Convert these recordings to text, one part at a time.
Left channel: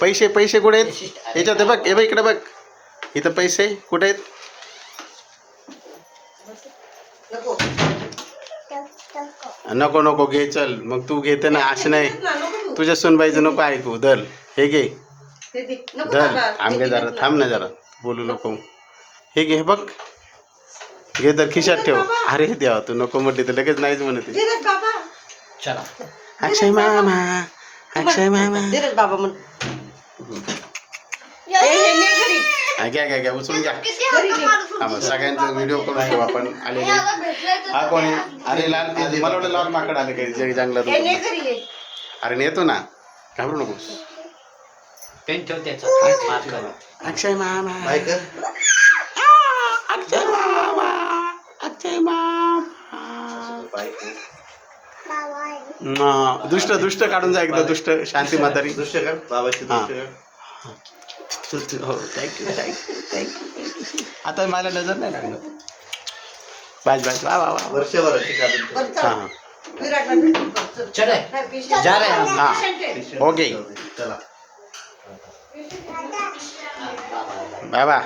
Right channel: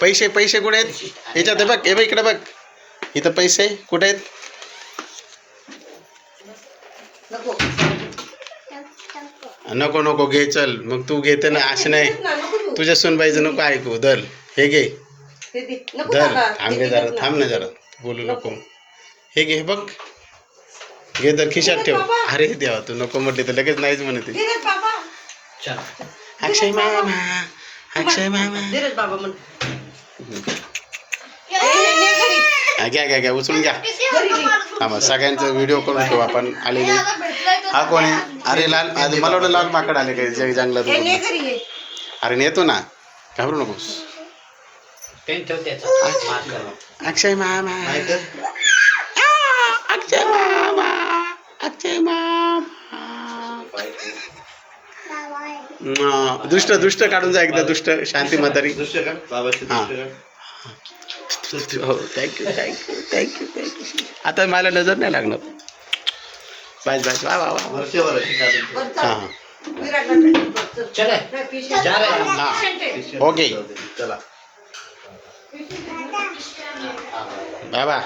पैसे पैसे कुठे आहेत? याच्यात हे बघ हे बघ इकडे बघ. इथं पैसे कुठे आहेत? नको नको घे चल. मग तू घेते ना असं नाही. तुझ्या सुनबाईचं नको ऐकू दल हे घे. ते दे. नको धर. बाबा. थांब घे जरा. थांब ना जरा. बोलू नको. हे घे बघ. घे तर खिशात ठेव. अरे देवा तू नको म्हटली तर लगेच नाहीच म्हणते. अक्षय मामा. अक्षय मामा. रे बाबा म्हण हे. हा, घ्या घ्या घ्या उचलून घ्या. थांबा सगळ्यांचा व्हिडिओ करून ठेवू आपण. आलेले. हा कोण? आहे अरे लाल आज मला वाटलं लाल माकड आले काही जग जंगलात हे. अरे नेतो ना. घाबरू नकोस. अक्षय मामा. अक्षय मामा. अक्षय मामा. हा, दुष्ट दुष्ट काढून जा एकदा दुष्ट शांती म्हातारी. हा. हो थँक्यू थँक्यू थँक्यू थँक्यू आता मला नजर नाही लागणार. बस बस वा वा वा. हा हा. हा. ओके. बाबा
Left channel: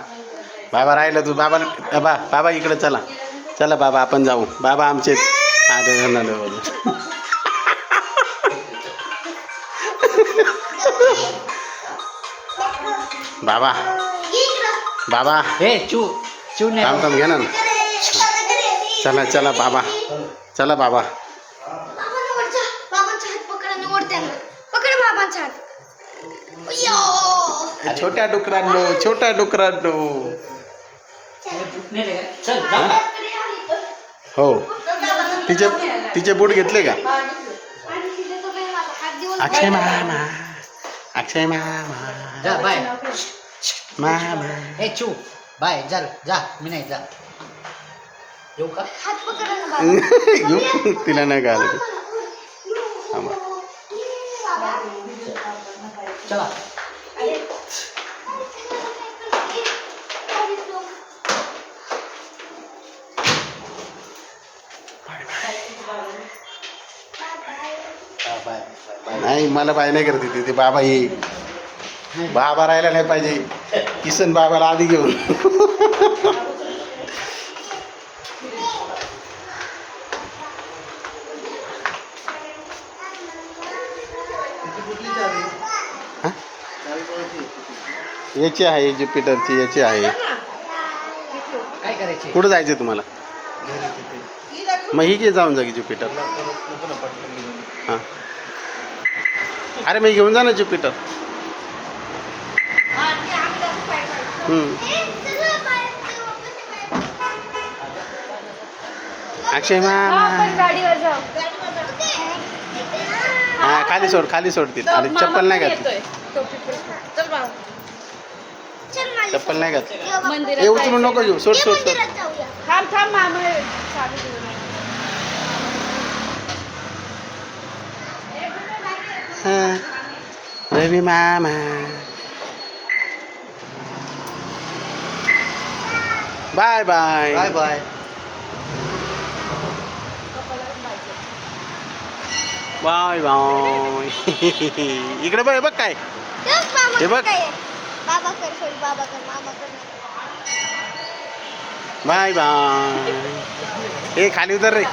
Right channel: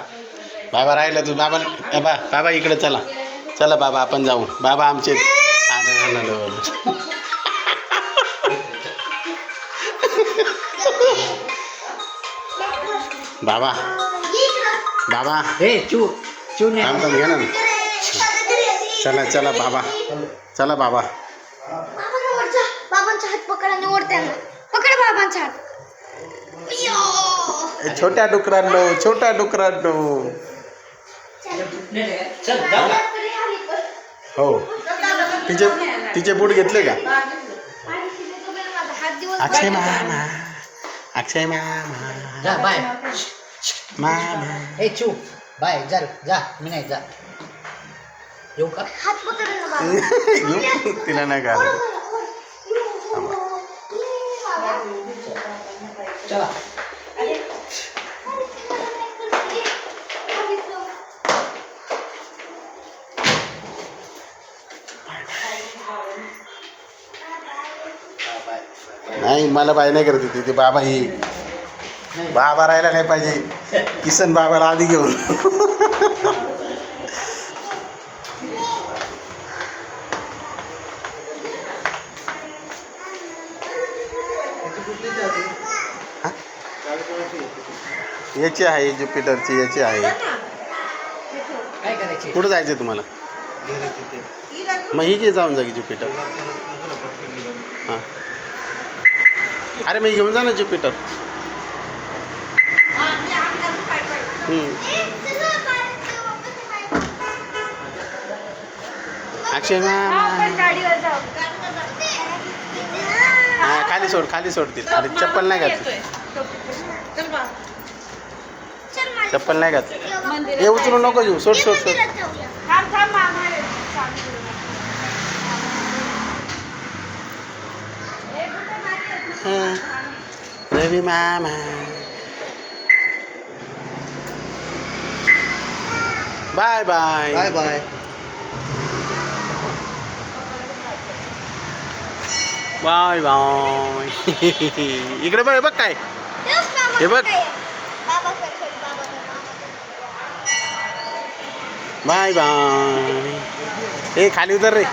बाबा राहिलं तू. बाबा बाबा बाबा इकडे चला. चला बाबा आपण जाऊ. बाबा आमचे अरे नाही, नाही, नाही. बाबा बाबा हे चू चू ने थांब थांब घे ना चला चला बाबा चला बाबा बाबांचा हात पकड आणि ओढत्यानं पकड बाबांचा हात अय्यो. छोट्या डुकरांनो छोट्या डुकरांनो चल जा हो तिचे तिचे बूट घेतले का? आणि तिथे तो बाई माझा हात दिवस अक्षय मामा अक्षय मामा. जा बाय. मामा. हे चू. बाय चल जा. मी नाही जा येऊ का? तिला नाही काय आलं थांबा. चला. नाही मला बाय नाही करते ती बाबा ये बाबा राहायला नाही पाहिजे. किसन बाबाला आधी घेऊन? याची आहे ज्युपिटरची याची आहे. कुठं जायचं तुम्हाला? मग ही घे जाऊन जा की ज्युपिटर? हां. अरे मग घेऊन जा ना ज्युपिटर. अक्षय हा खाली सोड खाली सोडतील आणि चप्पल नाही घातली. चप्पल नाही घातली. हे उचलू नको घेऊ. सोड सोड सोड थांब थांब मामा ये. हा. रवी मामा bye bye bye bye bye bye इकडे बघ हे बघ काय हे बघ. बाबा कर sorry, बाबा कर मामा कर बाय बाय ए खाली उतर रे